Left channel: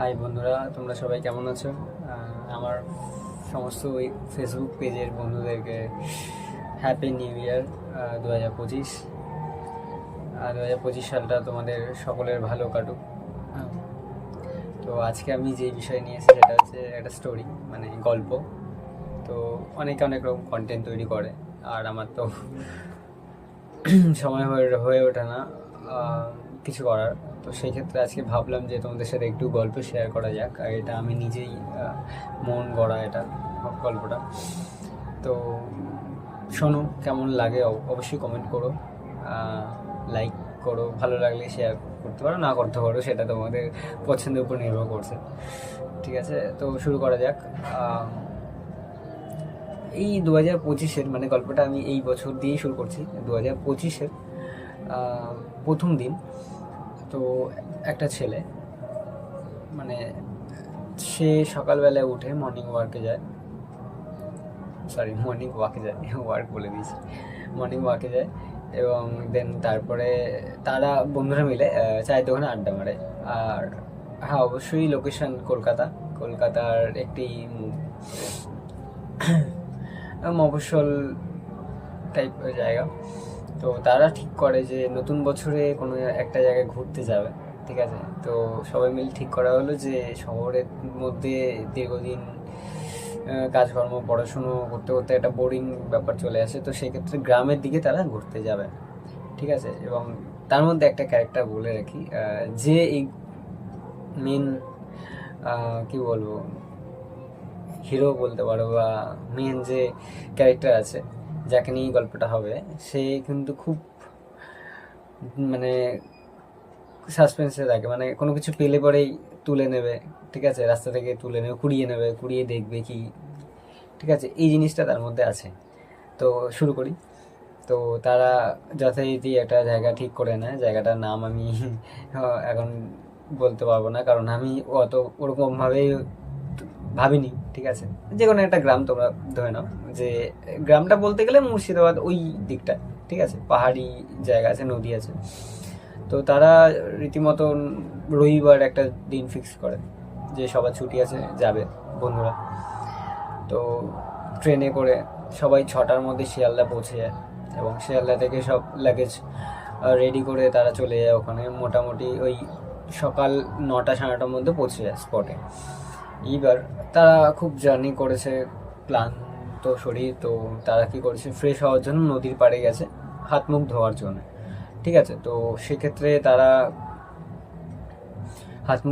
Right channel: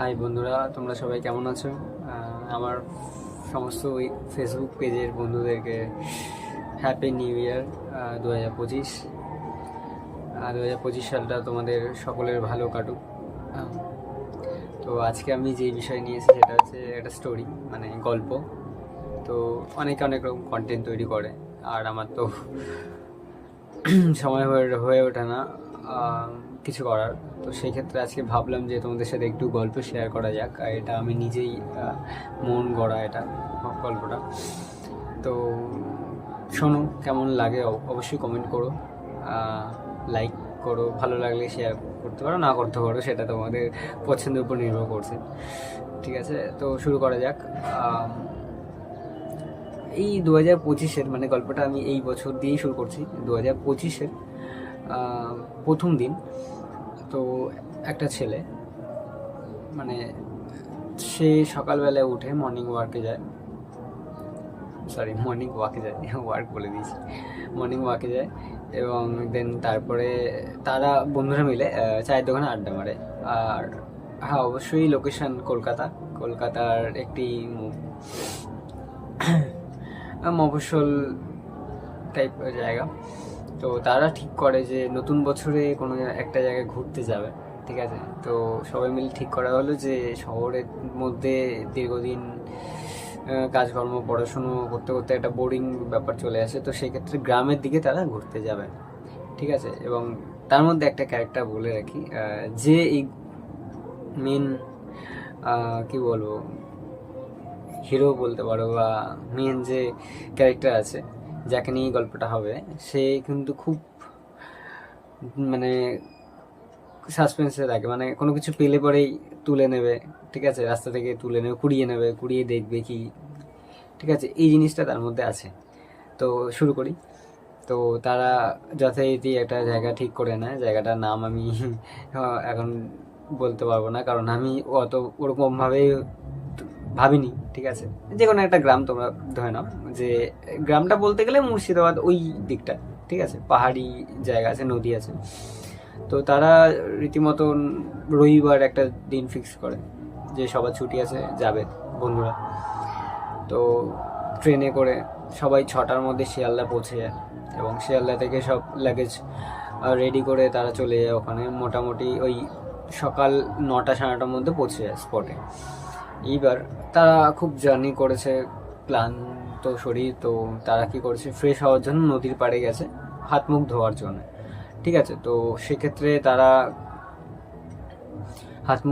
High বন্ধুরা, তোমরা সবাই কেমন আছো? আমার সমস্ত ওই ফেসবুক পেজের বন্ধুদেরকে হ্যাপি নিউ ইয়ার 2025। 2025 সালটা তোমাদের সকলের ভালো কাটুক। আহ, তো আজকে আমি যে বিষয় নিয়ে এসেছি সেটা হচ্ছে একটা স্টোরি, মানে গল্প। তো অনেকে অনেক রকম কন্টেন্ট তৈরি করে, আর আমার তো সময় হয়ে ওঠে না কিছু করার। তো সেই ক্ষেত্রে আজকে ভাবলাম যে তোমাদের সাথে একটু গল্প শেয়ার করা যাক। আর এটা আমি নিজেই মন গড়া এটা গল্পটা। তো শোনো, কেমন লাগে অবশ্যই কমেন্ট করো, লাইক করো, ভালো লাগলে শেয়ার করতে পারো, না করতে পারো, সেটা তোমাদের পছন্দের উপর নির্ভর করছে। ঠিক আছে, তো শুরু করা যাক। এই 2025-এর, মানে গল্পটা আমি এই বছর দিয়েই শুরু করছি। 2025-এর প্রথম দিন। তো একটা ছেলে, মানে সে সকালবেলায় উঠে মর্নিং ওয়াকে যায়, ওয়ার্ক বলে দিয়েছি, মর্নিং ওয়াকে যায়। এবং দেন তারপরে তারা বন্ধুরা মিলে চায়ের দোকানে আড্ডা মারে। আর হ্যাঁ, অবশ্যই লোকেশন কলকাতার একটি মফস্বল টাইপ জায়গা। তো তারা ঠিক করে যে নতুন বছরে কোনো একটা জায়গায় ঘুরতে যাবে। ঠিক আছে, তো সবাই মিলে ঠিক করা হলো যে শহরের মধ্যে দীর্ঘদিন কাজকর্ম পড়াশুনো করতে করতে একটা বোরিং ব্যাপার চলে আসে। তো সেই ক্ষেত্রে গ্রামের দিকে তারা ঘুরতে যাবে। ঠিক আছে, এবং তার মধ্যে একটা ক্যারেক্টার বলে রাখি, যে এই মেন কি বলবো, হিরো বলতে পারো, বা মেন যে ক্যারেক্টার আছে যাকে নিয়ে গল্পটা হবে, সে কিন্তু খুব, মানে সাসপেন্সে থাকে। মানে কোনো কিছু পেলে পরেই তুলে নেবে। ঠিক আছে, রাস্তা থেকে তুলে নেবে, কুড়িয়ে দেখবে কি। ঠিক আছে, এই জিনিসটা তার মধ্যে আছে। তো শুরু করি। তো তারা যথারীতি একটা জায়গা ঠিক করে নেয়। জায়গাটার নাম আমি এখন বলতে পারবো না, কারণ আমি অত ওরকমভাবে ভাবিনি। ঠিক আছে, যে কোনো একটা গ্রাম তোমরা ধরে নাও, যে গ্রামটা বলতে গেলে মুর্শিদাবাদ ওই দিকটা। ঠিক আছে, পাহাড়ি জায়গা আছে, নদী আছে। তো তারা রীতিমতন রবিবার একটা দিন ফিক্স করে যে সবার ছুটি আছে, যাবে বন্ধুরা। তো ট্রেনে করে সবাই 6টার মধ্যে শিয়ালদা পৌঁছে যায়, এবং শিয়ালদা থেকে সব লাগেজ রেডি করে তারা চলে যায় ওখানে। মোটামুটি ওই সকাল 9টা 9:30টার মধ্যে পৌঁছে যায় স্পটে। এইবার তারা খুব জার্নি করেছে, ক্লান্ত শরীর। তো তারা কি করেছে, ফ্রেশ হওয়ার জন্য নদীর পাড়ে গেছে, হাত মুখ ধোয়ার জন্য। ঠিক আছে, তো সেক্ষেত্রে তারা হাত মুখ